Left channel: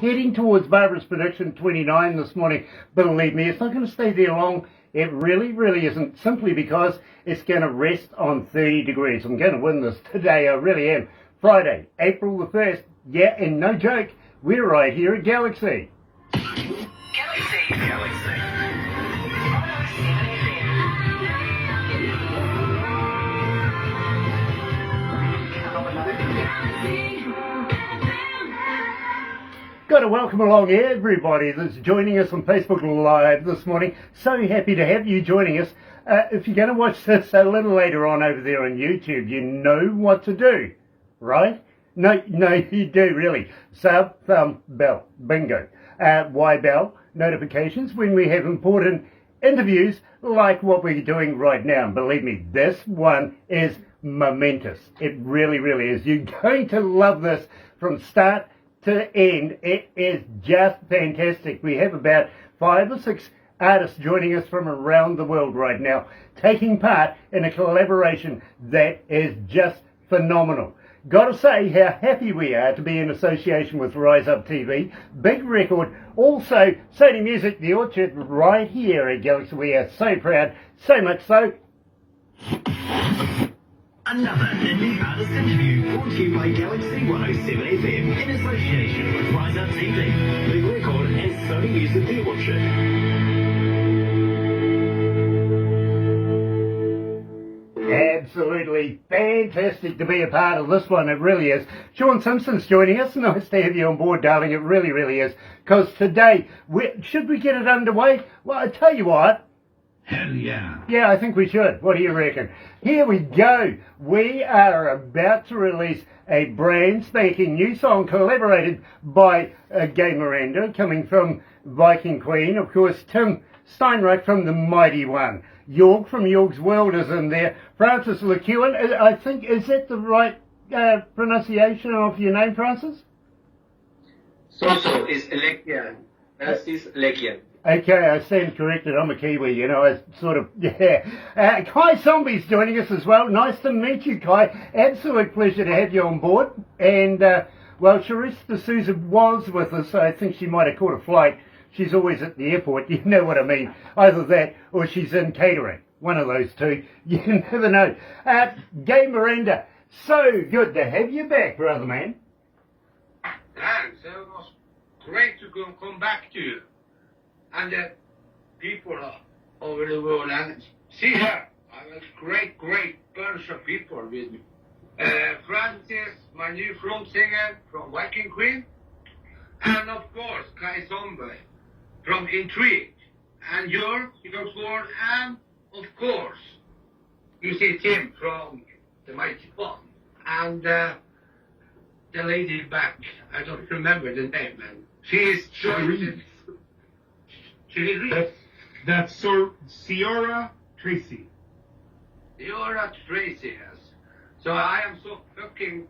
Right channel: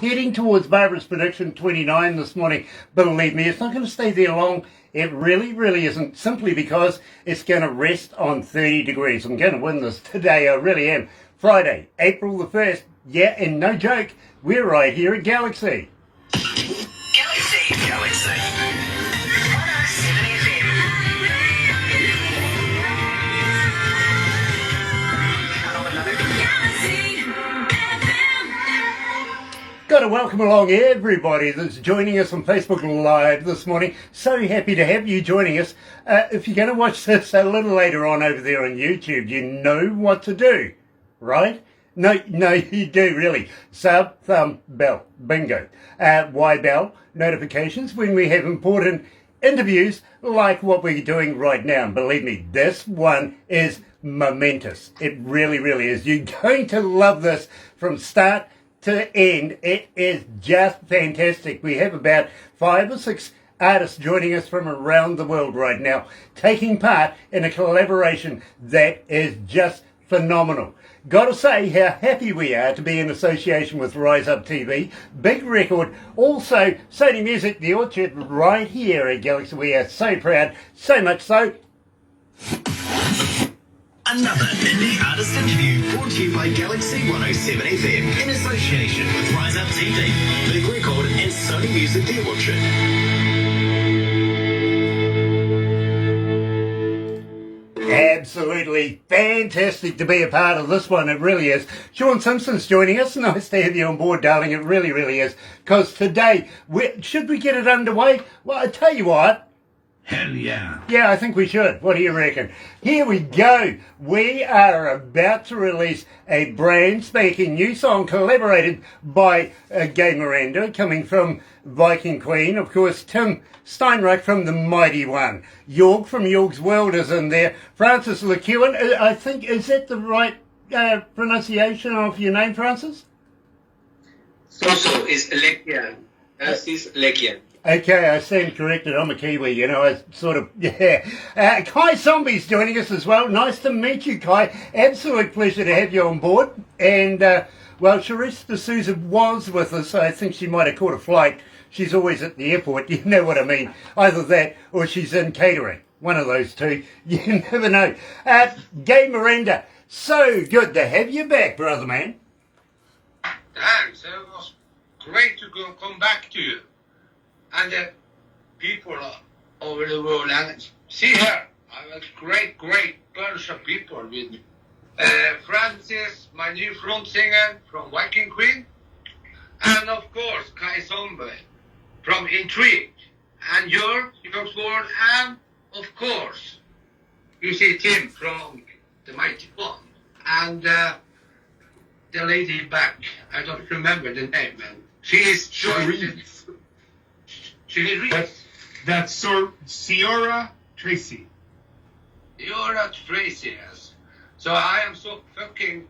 Heading towards Barbara's prediction 29 this morning. Believe me, it's not going to stay there long. It really, really isn't, simply because it's going to rest on 30 degrees. I'm going to win this today, I really am. Friday, April the 1st. Yeah, and no joke, we're right here at Galaxy. Galaxy 107fm. Got to welcome along everybody that's joining us on Facebook Live this morning. So happy to have you joining us. If you're going to watch this a little later on over there on YouTube, you know what to do, right? No, you do really. Sub, thumb, bell, bingo. Why bell? Notifications when we have important interviews like what we're doing right now. And believe me, this one is momentous. It really, really is. You're going to love this from start to end. It is just fantastic. We have about 5 or 6 artists joining us from around the world right now, taking part in a collaboration that is just phenomenal. Got to say how happy we are to be in association with Rise Up TV, Big Record, also Sony Music, The Orchard, right here at Galaxy. We are so proud, so much so. Another indie artist interview brought to you by Galaxy 107fm in association with Rise Up TV, Big Record and Sony Music, The Orchard. Absolutely fantastic to be a part of this one. It really is. Sean Simpson's joining us. Nice to have you on board, darling. It really, really is. Because today, should we get it underway? Well, I tell you what. Hell yeah. Yeah, I think we should. What do you reckon? Here we go. We are about to release a brand spanking new song collaborated by Gay Miranda, coming from Viking Queen. Of course, Tim Steinreich from The Mighty One. York from York's World is in there. Francis LeCuan, I think, is that the right pronunciation of your name, Francis? So is Lekian. This is Lekian. Okay, I stand corrected. I'm a Kiwi, you know, I sort of, yeah. Kai Zombie's joining us as well. Nice to meet you, Kai. Absolute pleasure to have you on board. And, well, Charisse D'Souza was with us. I think she might have caught a flight. She's always at the airport, you know what I mean. Either that or she's in catering. One of those two. You never know. Gay Miranda, so good to have you back, brother man. Thanks. It was great to come back to you. And the people all over the world. And see here, I have a great bunch of people with me. Francis, my new front singer from Viking Queen. And of course, Kai Zombie from Intrigue. And York's World. And of course, you see Tim from The Mighty One. And the lady back, I don't remember the name. And she is joined. That's Ciara Tracy. Ciara Tracy, yes. So I am so fucking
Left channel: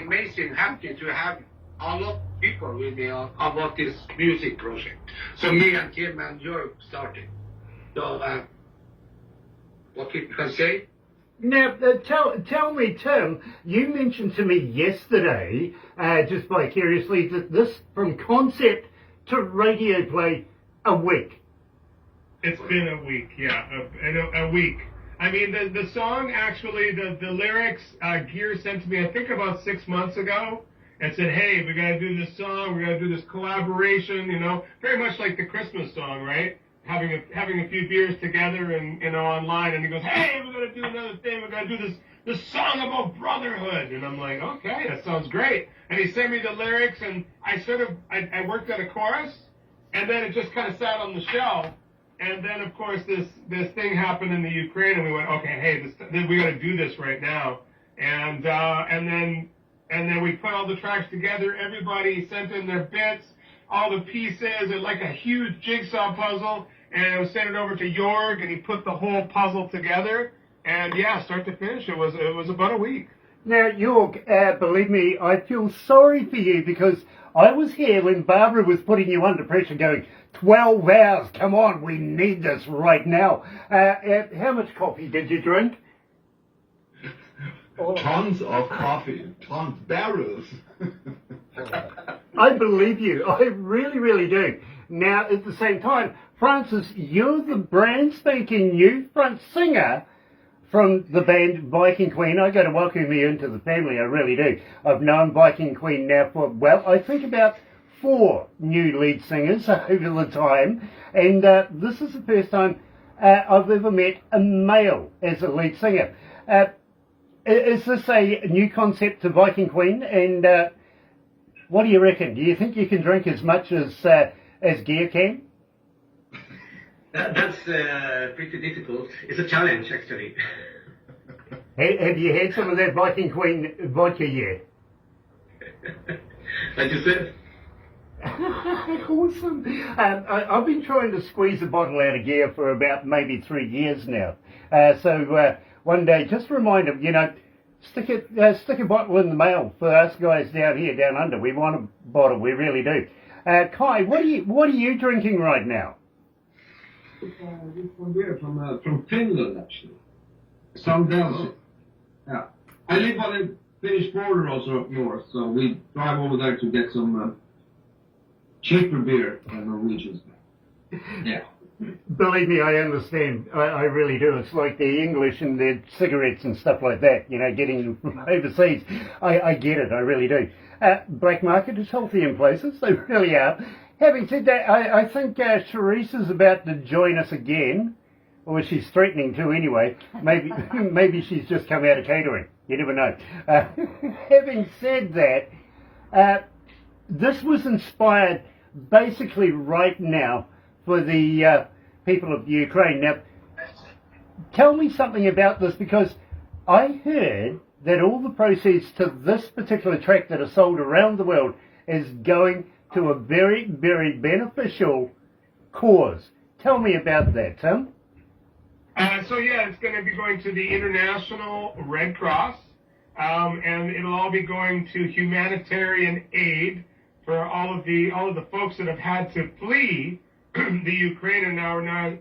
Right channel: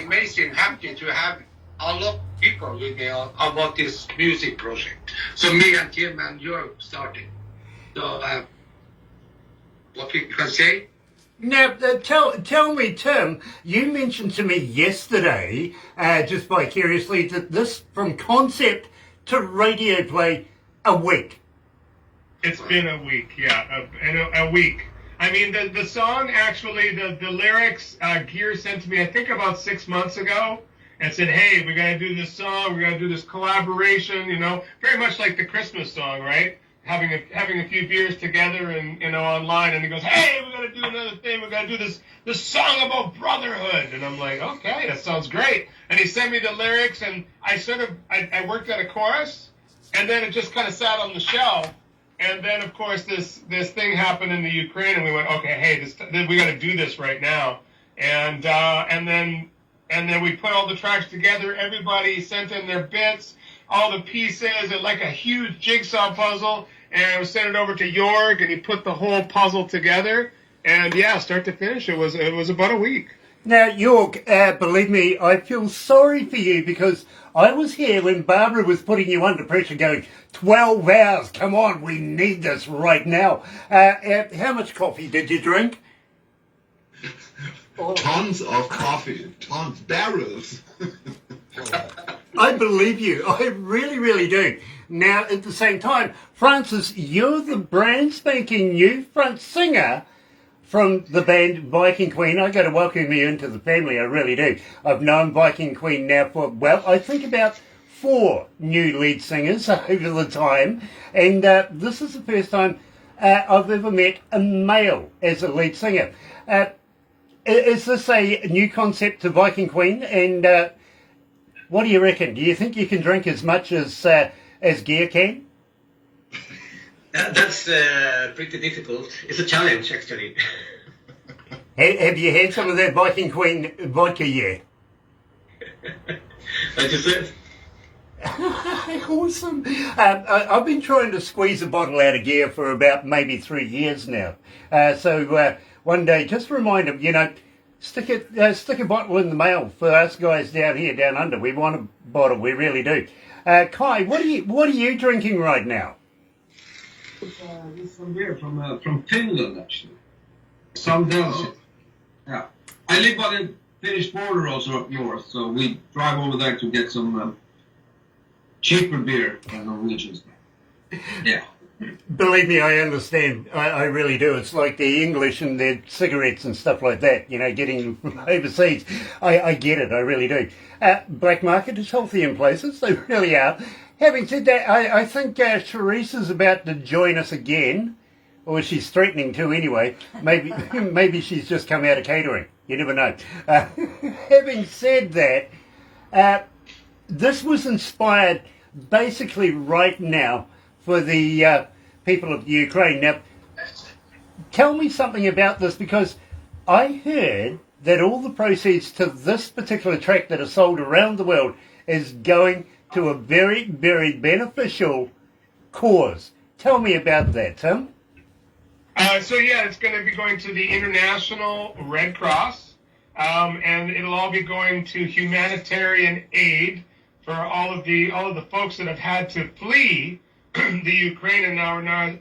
amazing happy to have a lot of people with me about this music project. So me and Tim and you're starting. So what we can say? Now, tell me, Tim, you mentioned to me yesterday, just vicariously, that this, from concept to radio play, a week. It's been a week, yeah, a week. I mean, the song, actually, the lyrics, Gear sent to me, I think about 6 months ago, and said, hey, we got to do this song, we got to do this collaboration, you know, very much like the Christmas song, right? Having a few beers together and, you know, online, and he goes, hey, we got to do another thing, we got to do this song about brotherhood. And I'm like, okay, that sounds great. And he sent me the lyrics, and I worked at a chorus, and then it just kind of sat on the shelf. And then, of course, this thing happened in the Ukraine, and we went, okay, hey, we got to do this right now. And then we put all the tracks together. Everybody sent in their bits, all the pieces, and like a huge jigsaw puzzle. And I sent it over to York, and he put the whole puzzle together. And yeah, start to finish, it was about a week. Now, York, believe me, I feel sorry for you because I was here when Barbara was putting you under pressure going, 12 hours, come on, we need this right now. How much coffee did you drink? Tons of coffee, barrels. I believe you. I really, really do. Now, at the same time, Francis, you're the brand spanking new front singer from the band Viking Queen. I got to welcome you into the family, I really do. I've known Viking Queen now for, well, I think about 4 new lead singers over the time, and this is the first time I've ever met a male as a lead singer. Is this a new concept to Viking Queen, and what do you reckon? Do you think you can drink as much as Gear can? That's pretty difficult. It's a challenge, actually. Have you had some of that Viking Queen vodka yet? Like you said. Awesome. I've been trying to squeeze a bottle out of Gear for about maybe 3 years now. So one day, just remind him, stick a bottle in the mail for us guys down here, down under. We want a bottle, we really do. Kai, what are you drinking right now? This is some beer from Finland, actually. Some Danish. Yeah. I live on the Finnish border also up north, so we drive over there to get some cheaper beer than Norwegians. Yeah. Believe me, I understand. I really do. It's like the English and their cigarettes and stuff like that, getting them from overseas. I get it, I really do. Black market is healthy in places, they really are. Having said that, I think Charisse is about to join us again, or she's threatening to anyway. Maybe she's just come out of catering. You never know. Having said that, this was inspired basically right now for the people of Ukraine. Now, tell me something about this, because I heard that all the proceeds to this particular track that are sold around the world is going to a very, very beneficial cause. Tell me about that, Tim. It's going to be going to the International Red Cross, and it'll all be going to humanitarian aid for all of the folks that have had to flee the Ukraine and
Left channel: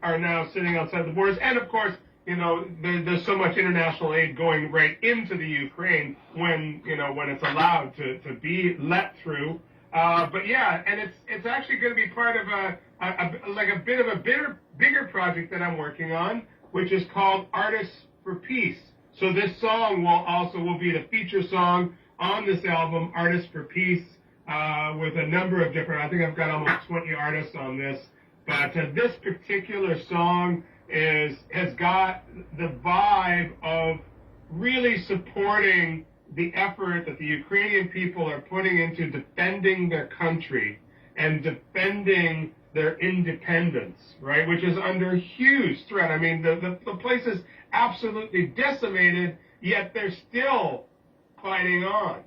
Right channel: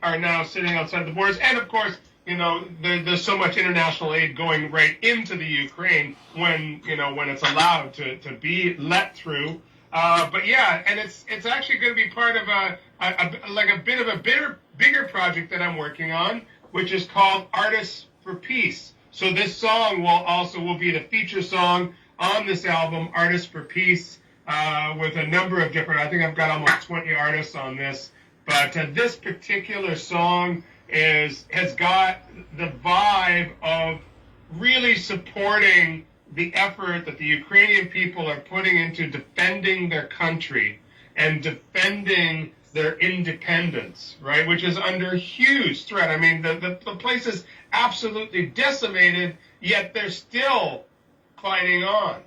are now sitting outside the borders. And of course, there's so much international aid going right into the Ukraine when it's allowed to be let through. And it's actually going to be part of a bit of a bigger project that I'm working on, which is called Artists for Peace. So this song will be the feature song on this album, Artists for Peace, with a number of different, I think I've got almost 20 artists on this. But this particular song has got the vibe of really supporting the effort that the Ukrainian people are putting into defending their country and defending their independence, right? Which is under huge threat. I mean, the place is absolutely decimated, yet they're still fighting on.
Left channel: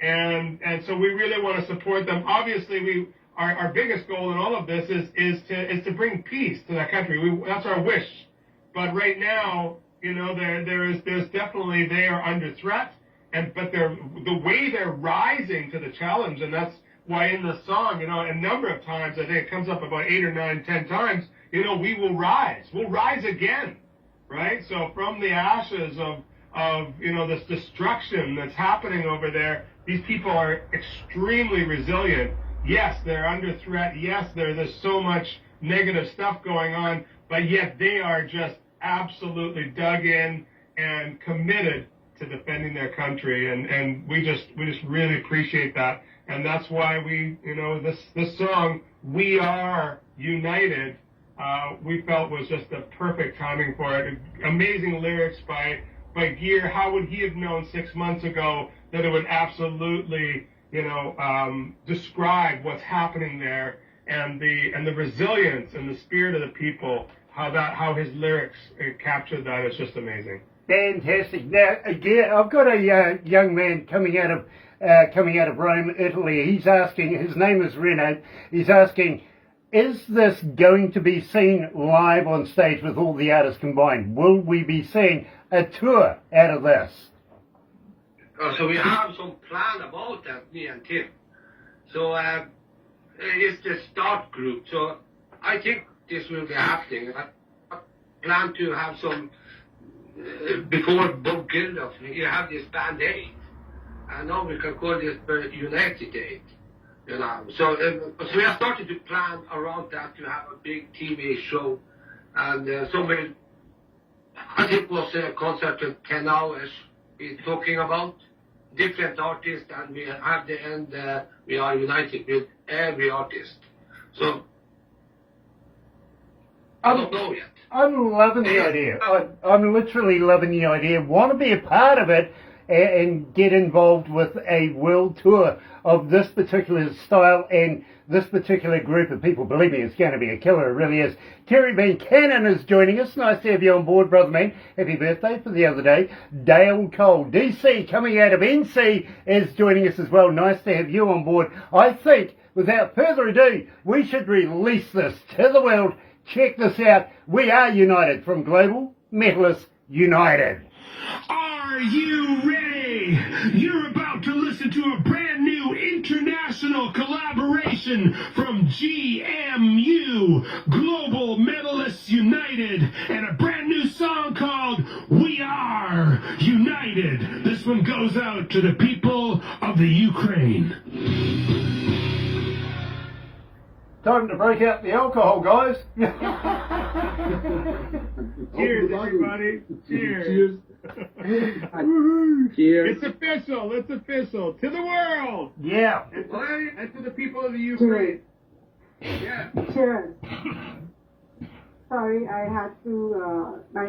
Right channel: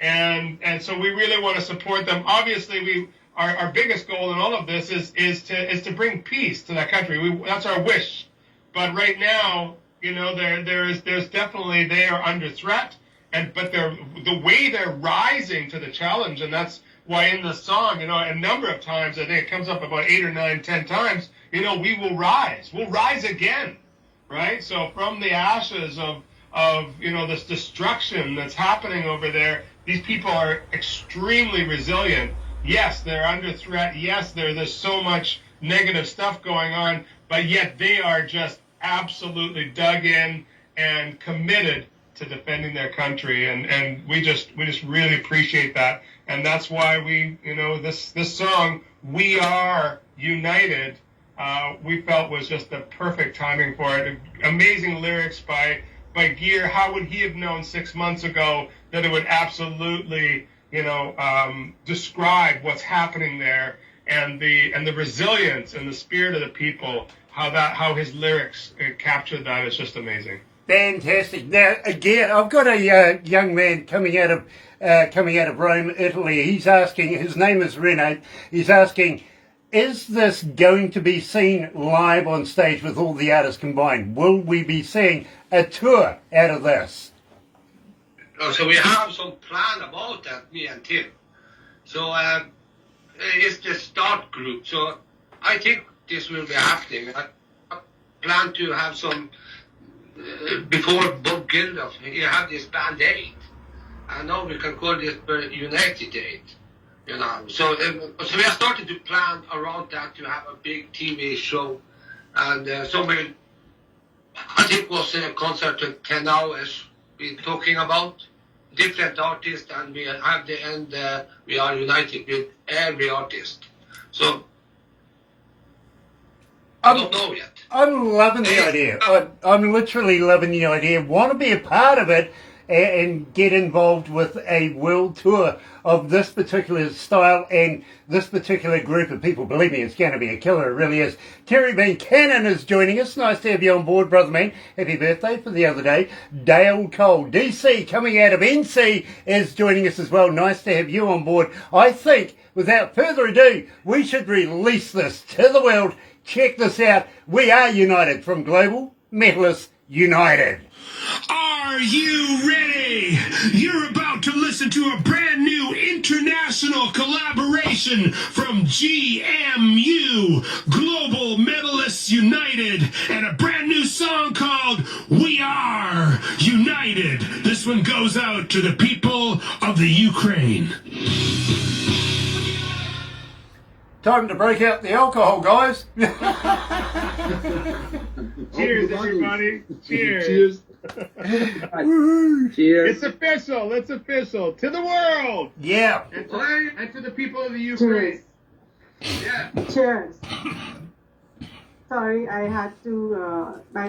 And so we really want to support them. Obviously, our biggest goal in all of this is to bring peace to that country. That's our wish. But right now, there's definitely, they are under threat. But the way they're rising to the challenge, and that's why in the song, a number of times, I think it comes up about 8 or 9, 10 times, we will rise. We'll rise again, right? So from the ashes of this destruction that's happening over there, these people are extremely resilient. Yes, they're under threat. Yes, there's so much negative stuff going on, but yet they are just absolutely dug in and committed to defending their country, and we just really appreciate that, and that's why we, this song, We Are United, we felt was just the perfect timing for it. Amazing lyrics by Gear. How would he have known 6 months ago that it would absolutely, describe what's happening there, and the resilience and the spirit of the people, how his lyrics captured that is just amazing. Fantastic. Now, again, I've got a young man coming out of Rome, Italy. He's asking, his name is Reno, he's asking, is this going to be seen live on stage with all the artists combined? Will we be seeing a tour out of this? So we have some plan about that, me and Tim. So it's the start group. So I think this will be happening. I plan to have some before Bob Geldof. He had this band aid, and now we can call this United Aid. you know. So we are starting to plan around that to have a big TV show, and I think it was a concert of 10 hours. We're talking about different artists, and we have the end. We are united with every artist. So I don't know yet. I'm loving the idea. I'm literally loving the idea. Want to be a part of it and get involved with a world tour of this particular style and this particular group of people. Believe me, it's going to be a killer. It really is. Terry Van Cannon is joining us. Nice to have you on board, brother man. Happy birthday for the other day. Dale Cole, DC, coming out of NC, is joining us as well. Nice to have you on board. I think, without further ado, we should release this to the world. Check this out. We are united from Global Metalists United. Are you ready? You're about to listen to a brand new international collaboration from GMU, Global Metalists United, and a brand new song called We Are United. This one goes out to the people of the Ukraine. Time to break out the alcohol, guys. Cheers, everybody. Cheers. Cheers. Cheers. It's official. It's official. To the world. Yeah. And to the people of the Ukraine. Yeah. Cheers. Sorry, I had to, my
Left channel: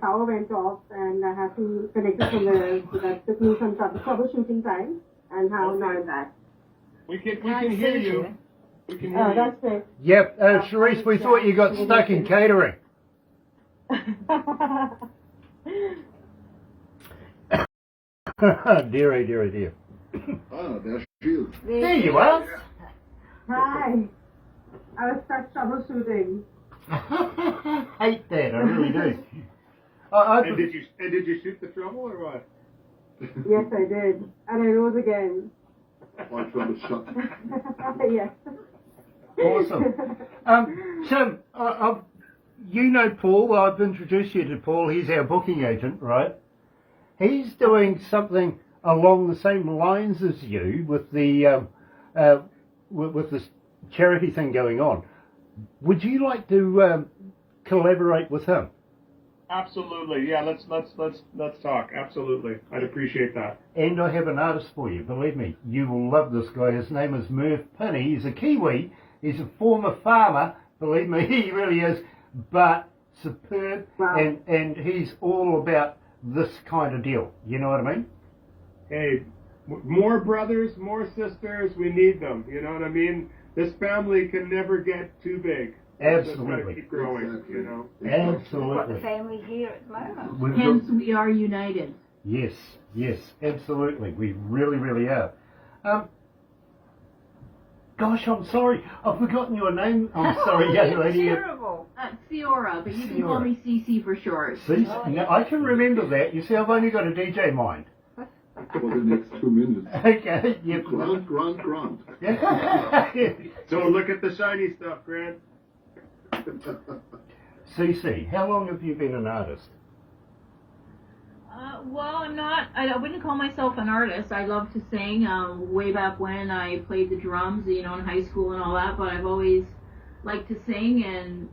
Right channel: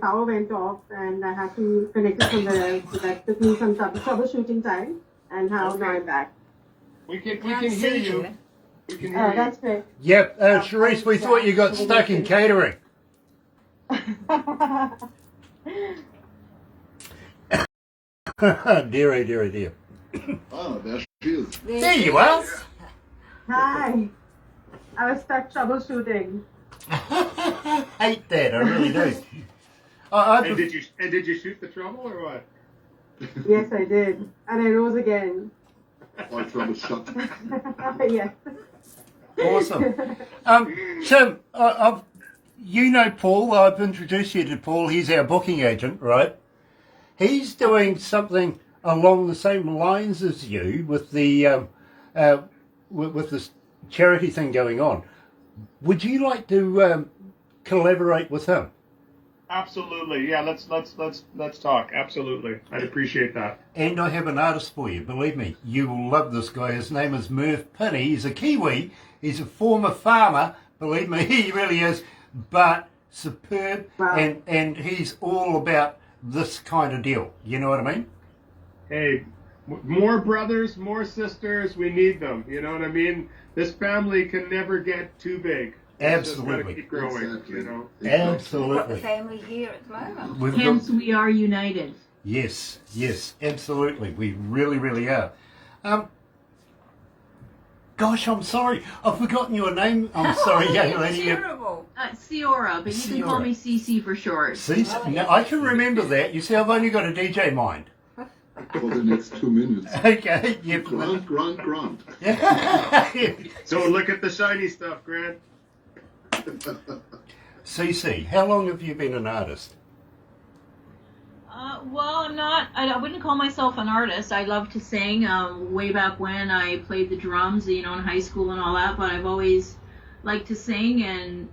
power went off and I had to connect it somewhere else. So that took me some troubleshooting time. And now I'm back. We can hear you. We can hear you. That's great. Yep. Charisse, we thought you got stuck in catering. Dear. Oh, there she is. There you are. Hi. I was stuck troubleshooting. Hate that, I really do. And did you shoot the trouble or what? Yes, I did. And I rose again. All trouble shut. Yes. Awesome. Tim, you know Paul. I've introduced you to Paul. He's our booking agent, right? He's doing something along the same lines as you with the with this charity thing going on. Would you like to collaborate with him? Absolutely. Yeah. Let's talk. Absolutely. I'd appreciate that. And I have an artist for you. Believe me, you will love this guy. His name is Merv Pinney. He's a Kiwi. He's a former farmer. Believe me, he really is. But superb. Wow. And he's all about this kind of deal. You know what I mean? Hey, more brothers, more sisters. We need them. You know what I mean? This family can never get too big. It's just gotta Absolutely. keep growing. Exactly. You know. We've got the Absolutely. family here at the moment. We've Hence, got- we are united. yes, absolutely. We really are. Gosh, I'm sorry. I've forgotten your name. I'm sorry, young lady. Terrible. Ciora, but you can call me CC for short. See, now, I can remember that. You see, I've only got a DJ mind. For the next 2 minutes. Okay, yep. Grant. Yeah. So look at the shiny stuff, Grant. CC, how long have you been an artist? Well, I wouldn't call myself an artist. I love to sing. Way back when I played the drums, in high school and all that, but I've always liked to sing, and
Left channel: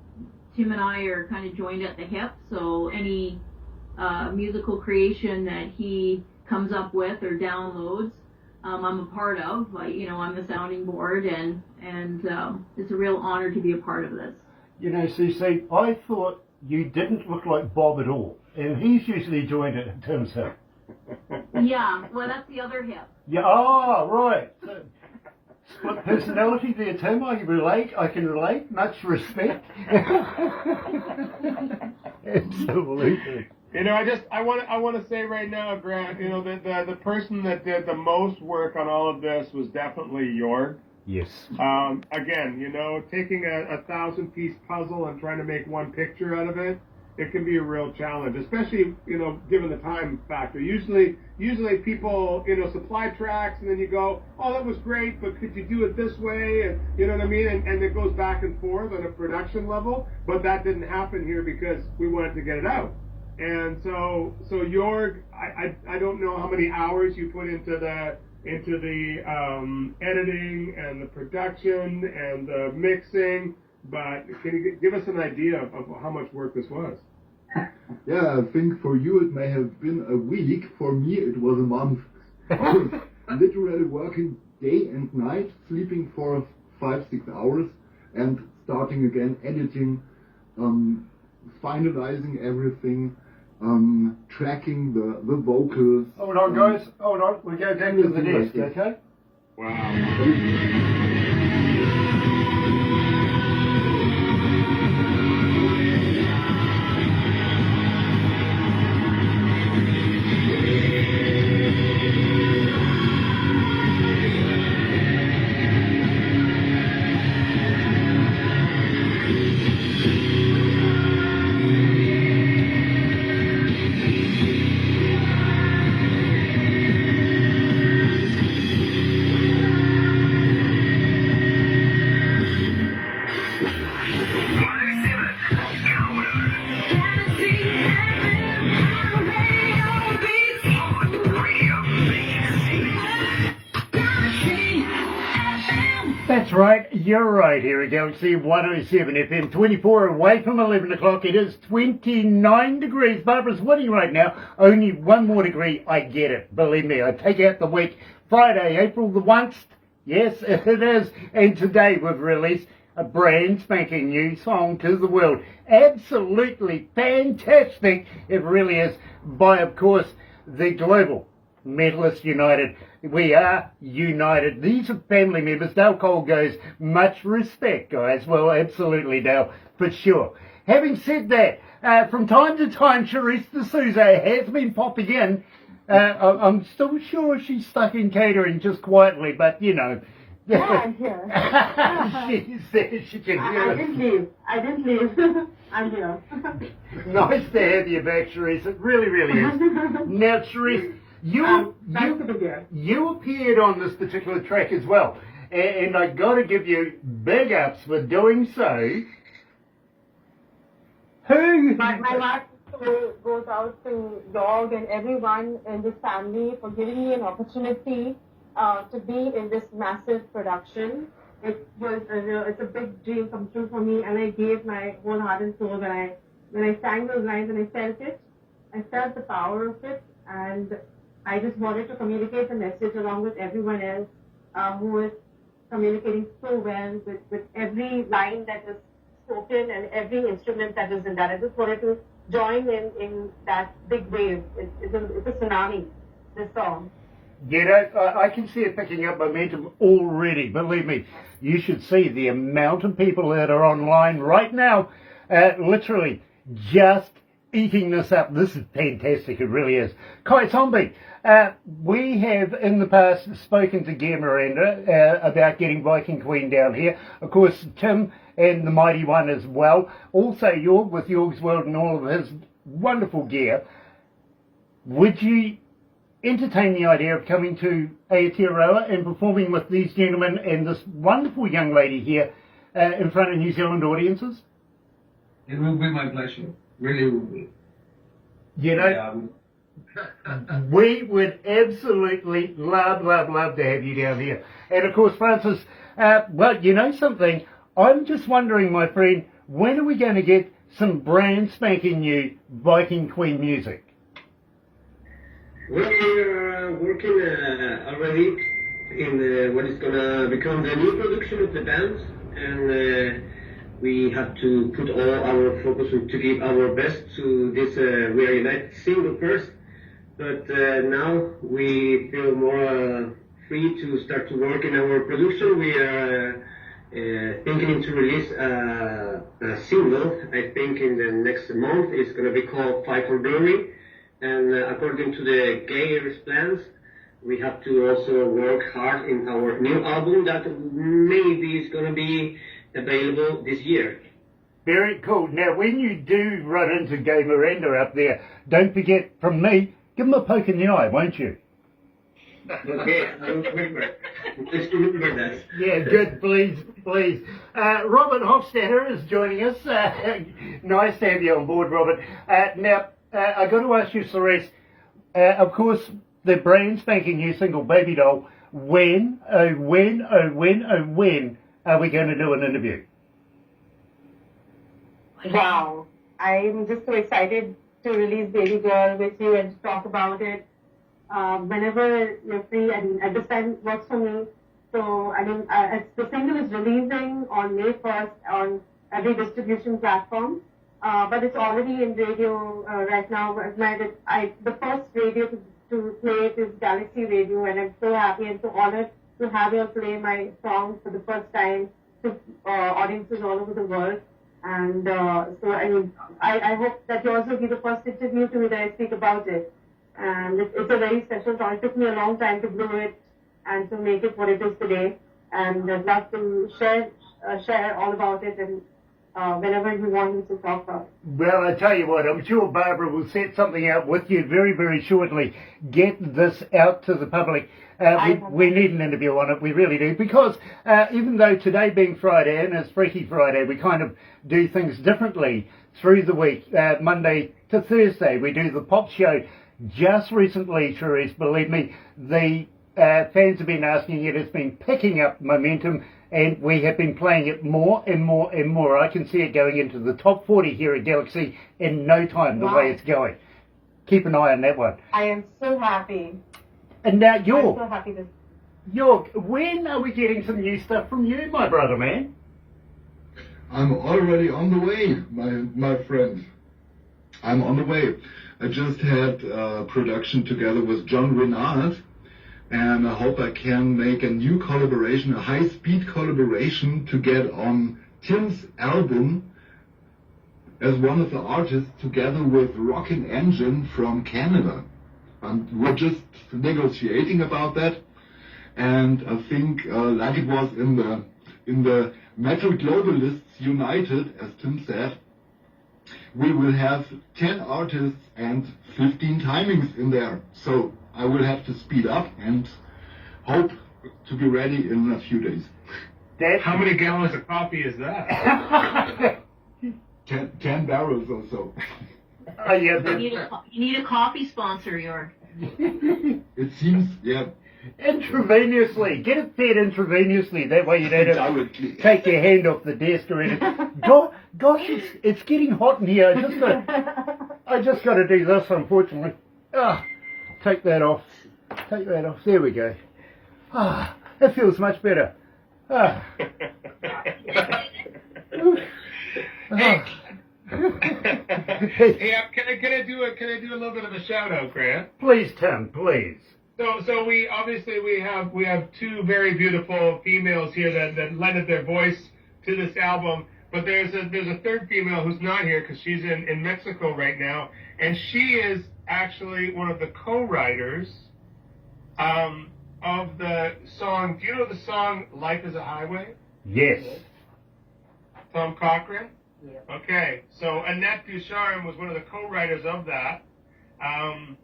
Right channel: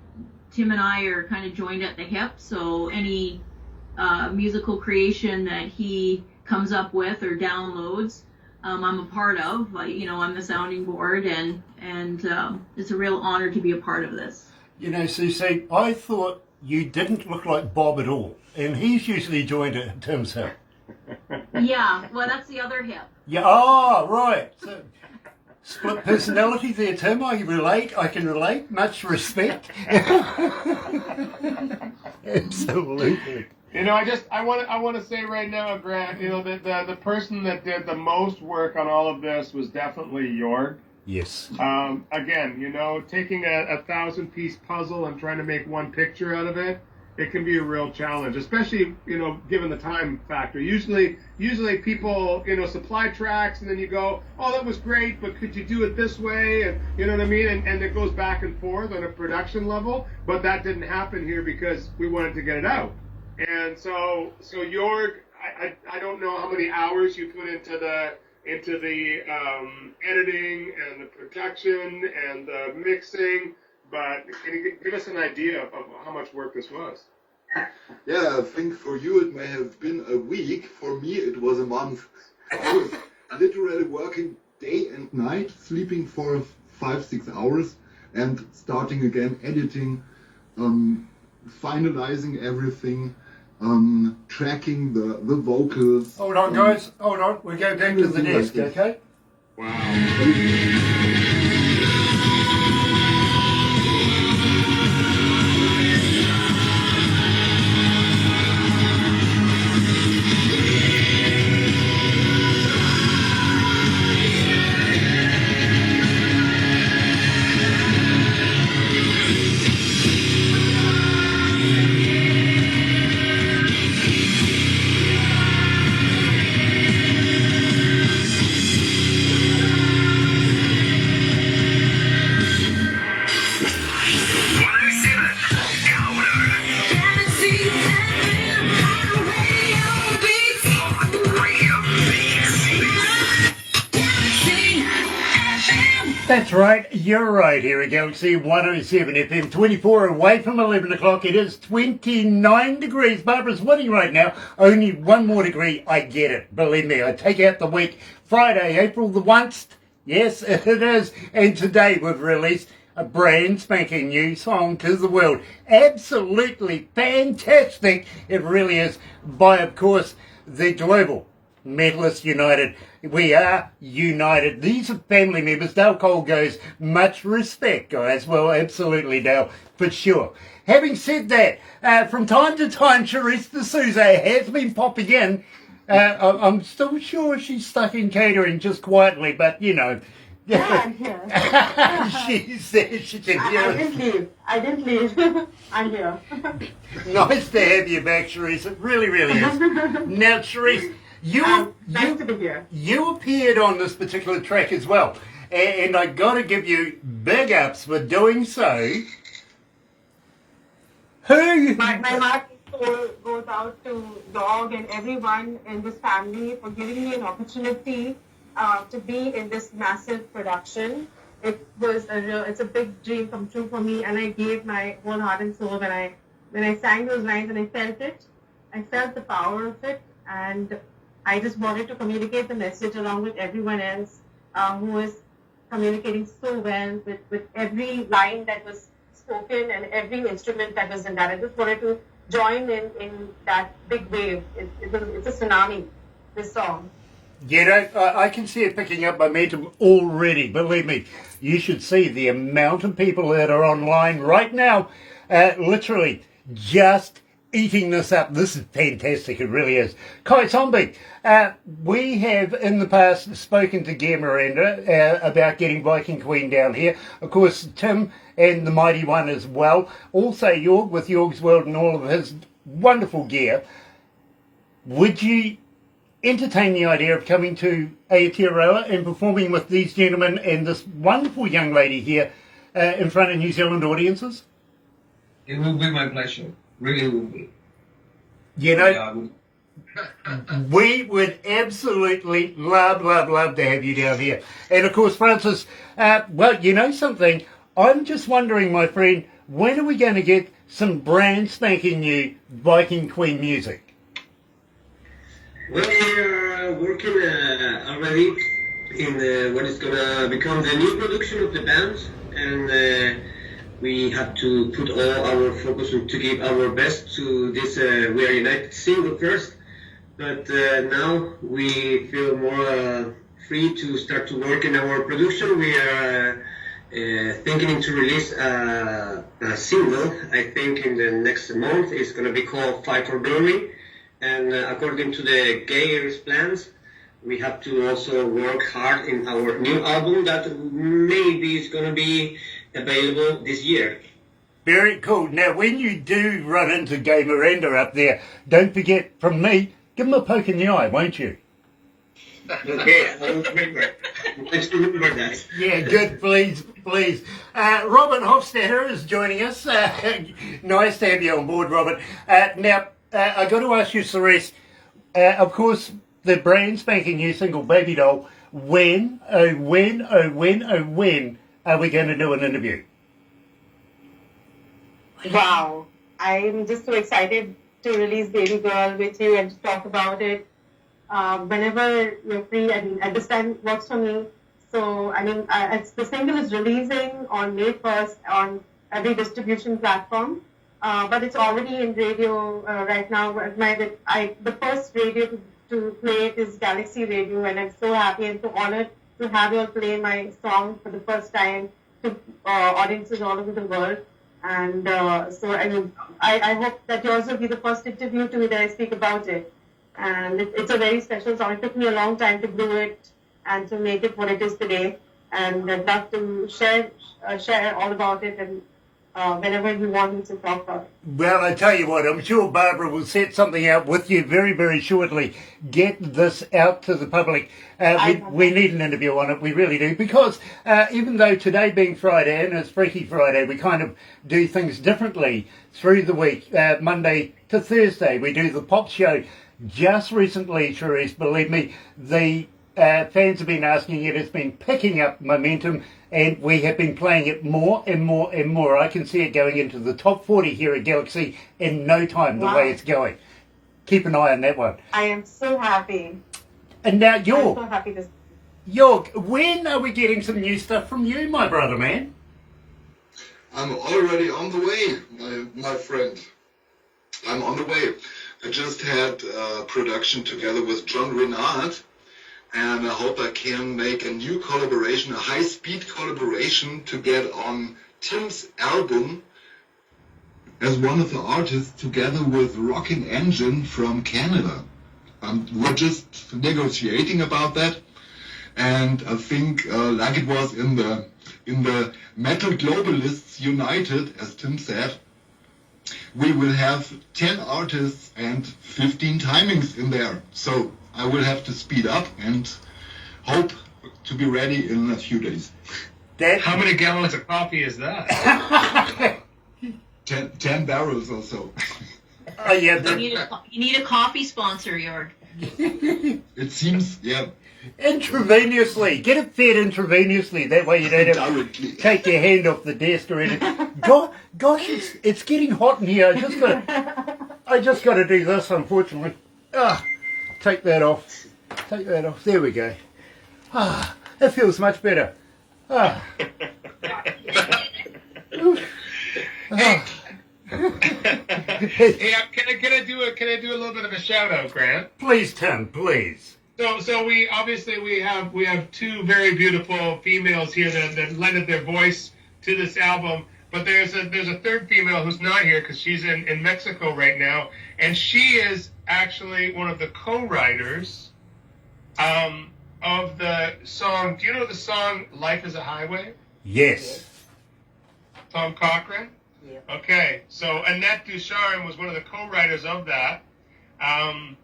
Tim and I are kind of joined at the hip, so any musical creation that he comes up with or downloads, I'm a part of. I'm the sounding board, and it's a real honor to be a part of this. You know, CC, I thought you didn't look like Bob at all, and he's usually joined at Tim's hip. Yeah, well, that's the other hip. Yeah, oh, right. So, split personality there, Tim. I can relate. Much respect. Absolutely. You know, I want to say right now, Grant. You know, the person that did the most work on all of this was definitely Jorg. Yes. Again, taking a 1,000-piece puzzle and trying to make one picture out of it, it can be a real challenge, especially, given the time factor. Usually people, supply tracks, and then you go, oh, that was great, but could you do it this way? And you know what I mean? And it goes back and forth on a production level, but that didn't happen here because we wanted to get it out. And so Jorg, I don't know how many hours you put into into the editing and the production and the mixing. But can you give us an idea of how much work this was? Yeah, I think for you it may have been a week. For me it was a month. I was literally working day and night, sleeping for 5-6 hours, and starting again editing, finalizing everything, tracking the vocals. Hold on, guys. Hold on. We'll go back to the desk, okay? That's right, you're right here at Galaxy 107 FM, 24 away from 11 o'clock. It is 29 degrees. Barbara's winning right now. Only one more degree. I get it. Believe me, I take out the week. Friday, April the 1st. Yes, it is. And today we've released a brand spanking new song to the world. Absolutely fantastic. It really is. By, of course, the Global Metalists United. We are united. These are family members. Dale Cole goes, much respect, guys. Well, absolutely, Dale, for sure. Having said that, from time to time, Charisse D'Souza has been popping in. I'm still sure she's stuck in catering just quietly, but, you know. Yeah, I'm here. She said she can hear us. I didn't leave. I'm here. Nice to have you back, Charisse. It really, really is. Now, Charisse, nice to be here. You appeared on this particular track as well, and I got to give you big ups for doing so. My heart goes out to Dog and everyone in this family for giving me an opportunity to be in this massive production. It's a big dream come true for me, and I gave my whole heart and soul when I sang those lines, and I felt it. I felt the power of it, and I just wanted to communicate the message along with everyone else who was communicating so well with every line that was spoken and every instrument that was in that. I just wanted to join in that big wave. It's a tsunami, this song. You know, I can see it picking up momentum already. Believe me, you should see the amount of people that are online right now, literally just eating this up. This is fantastic. It really is. Kai Zombie, we have in the past spoken to Gear Miranda about getting Viking Queen down here. Of course, Tim and the Mighty One as well. Also, Jorg with Jorg's World and all of his wonderful gear. Would you entertain the idea of coming to Aotearoa and performing with these gentlemen and this wonderful young lady here in front of New Zealand audiences? It will be my pleasure. Really will be. You know, we would absolutely love to have you down here. And of course, Francis, well, you know something? I'm just wondering, my friend, when are we going to get some brand spanking new Viking Queen music? Well, we're working already in what is going to become the new production of the band, and we have to put all our focus on to give our best to this We Are United single first, but now we feel more free to start to work in our production. We are thinking to release a single, I think in the next month. It's going to be called Fight for Glory. And according to the Gayer's plans, we have to also work hard in our new album that maybe is going to be available this year. Very cool. Now, when you do run into Gay Miranda up there, don't forget, from me, give him a poke in the eye, won't you? Okay, I'll remember. Let's remember that. Yeah, good, please. Robert Hofstadter is joining us. Nice to have you on board, Robert. Now, I got to ask you, Cerise, of course, the brand spanking new single, Baby Doll, when are we going to do an interview? Wow. I'm just so excited to release Baby Girl with you and to talk about it. Whenever you're free, I mean, at this time works for me. So, I mean, the single is releasing on May 1st on every distribution platform. But it's already in radio right now. The first radio to play it is Galaxy Radio, and I'm so happy and so honored to have you all play my song for the first time to audiences all over the world. And so, I mean, I hope that yours will be the first interview to me that I speak about it. And it's a very special song. It took me a long time to do it and to make it what it is today. And I'd love to share all about it and whenever you want me to talk about it. Well, I tell you what, I'm sure Barbara will set something out with you very, very shortly. Get this out to the public. We need an interview on it, we really do, because even though today being Friday and it's Freaky Friday, we kind of do things differently through the week. Monday to Thursday, we do the pop show. Just recently, Charisse, believe me, the fans have been asking it. It's been picking up momentum, and we have been playing it more and more and more. I can see it going into the top 40 here at Galaxy in no time, the way it's going. Keep an eye on that one. I am so happy. And now I'm so happy to... when are we getting some new stuff from you, my brother, man? I'm already on the way, my friend. I'm on the way. I just had production together with John Renard, and I hope I can make a new collaboration, a high-speed collaboration to get on Tim's album as one of the artists together with Rockin' Engine from Canada. We're just negotiating about that, and I think like it was in the Metal Globalists United, as Tim said, we will have 10 artists and 15 timings in there. So I will have to speed up and hope to be ready in a few days. How many gallons of coffee is that? 10 barrels or so. You need a coffee sponsor, Jörg. It seems, yeah. Intravenously. Get it fed intravenously. That way you don't have to take your hand off the desk or anything. Gosh, it's getting hot in here. I just got to do this, unfortunately. Take that off. Take that off. There we go. It feels much better. Hey, can I do a little bit of a shout out, Grant? Please, Tim, please. So we have two very beautiful females here that lended their voice to this album. But there's a third female who's not here because she's in Mexico right now, and she is actually one of the co-writers of the song. Do you know the song "Life Is a Highway"? Yes. Tom Cochran. Yeah. Okay, so Annette Ducharme was one of the co-writers of that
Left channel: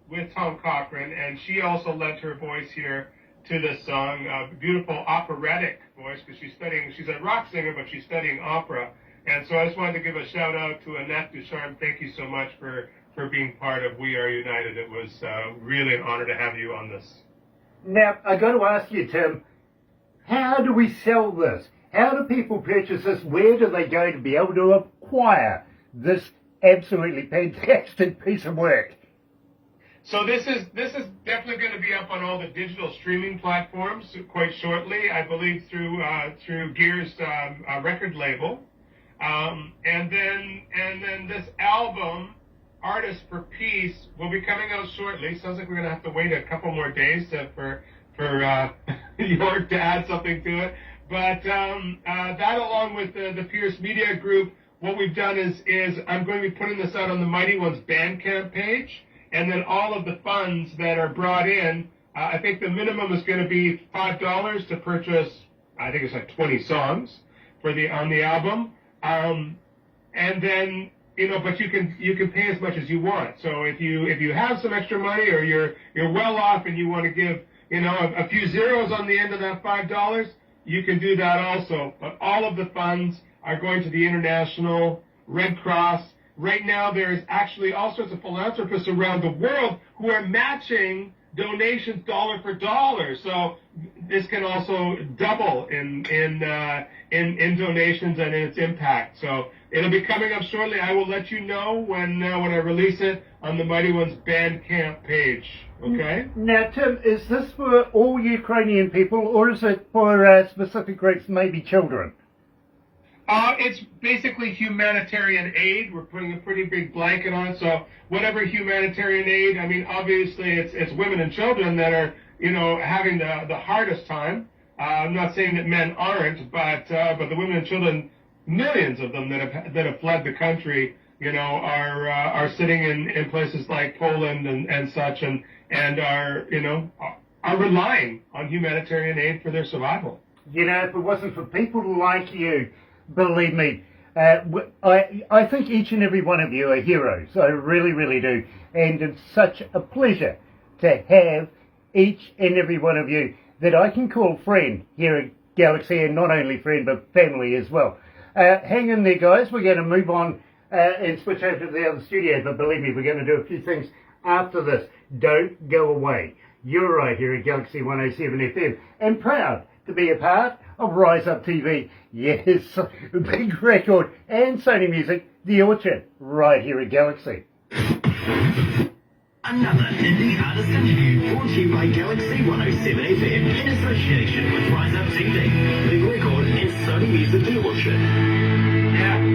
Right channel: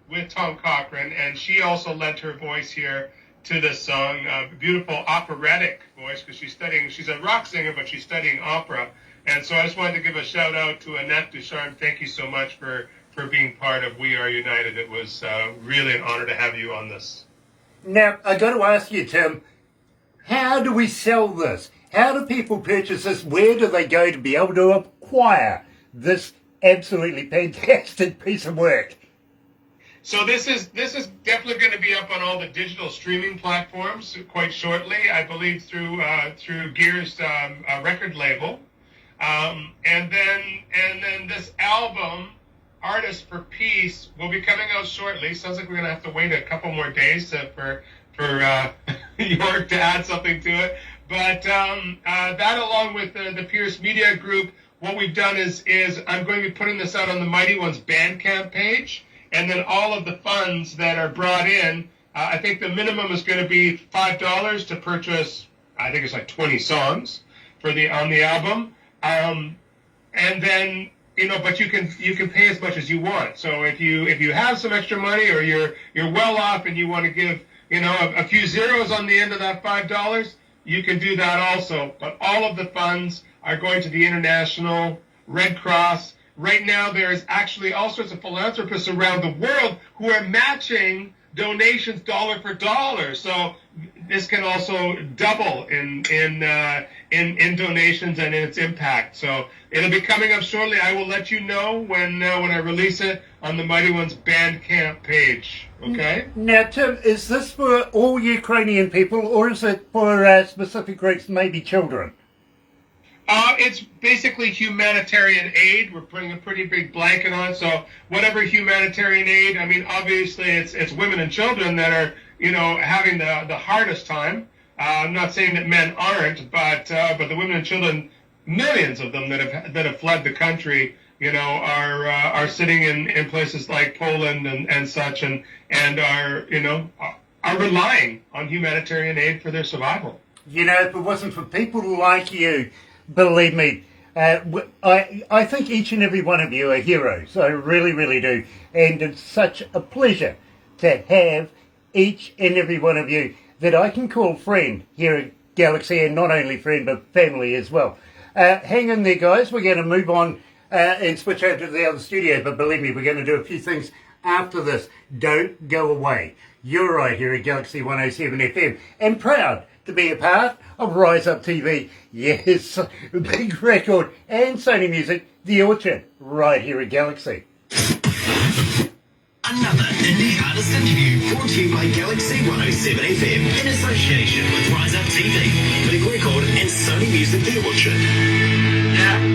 with Tom Cochran, and she also lent her voice here to this song. Beautiful operatic voice because she's a rock singer, but she's studying opera. And so I just wanted to give a shout out to Annette Ducharme. Thank you so much for being part of We Are United. It was really an honor to have you on this. Now, I got to ask you, Tim, how do we sell this? How do people purchase this? Where do they go to be able to acquire this absolutely fantastic piece of work? So this is definitely going to be up on all the digital streaming platforms quite shortly. I believe through Gear's record label, and then this album, Artists for Peace, will be coming out shortly. Sounds like we're going to have to wait a couple more days for York to add something to it. But that, along with the Pierce Media Group, what we've done is I'm going to be putting this out on the Mighty Ones Bandcamp page. And then all of the funds that are brought in, I think the minimum is going to be $5 to purchase. I think it's like 20 songs on the album, and then but you can pay as much as you want. So if you have some extra money or you're well off and you want to give a few zeros on the end of that $5, you can do that also. But all of the funds are going to the International Red Cross. Right now, there is actually all sorts of philanthropists around the world who are matching donations dollar for dollar. So this can also double in donations and in its impact. So it'll be coming up shortly. I will let you know when I release it on the Mighty Ones Bandcamp page. Okay. Now, Tim, is this for all Ukrainian people, or is it for specific groups, maybe children? It's basically humanitarian aid. We're putting a pretty big blanket on, so whatever humanitarian aid. I mean, obviously, it's women and children that are, having the hardest time. I'm not saying that men aren't, but the women and children, millions of them that have fled the country, are sitting in places like Poland and such, and are relying on humanitarian aid for their survival. If it wasn't for people like you, believe me, I think each and every one of you are heroes. I really, really do. And it's such a pleasure to have each and every one of you that I can call friend here at Galaxy, and not only friend, but family as well. Hang in there, guys. We're going to move on and switch over to the other studio, but believe me, we're going to do a few things after this. Don't go away. You're right here at Galaxy 107 FM, and proud to be a part of Rise Up TV. Yes, Big Record and Sony Music, The Orchard, right here at Galaxy. Another indie artist interview brought to you by Galaxy 107 FM in association with Rise Up TV, Big Record and Sony Music The Orchard. Yeah.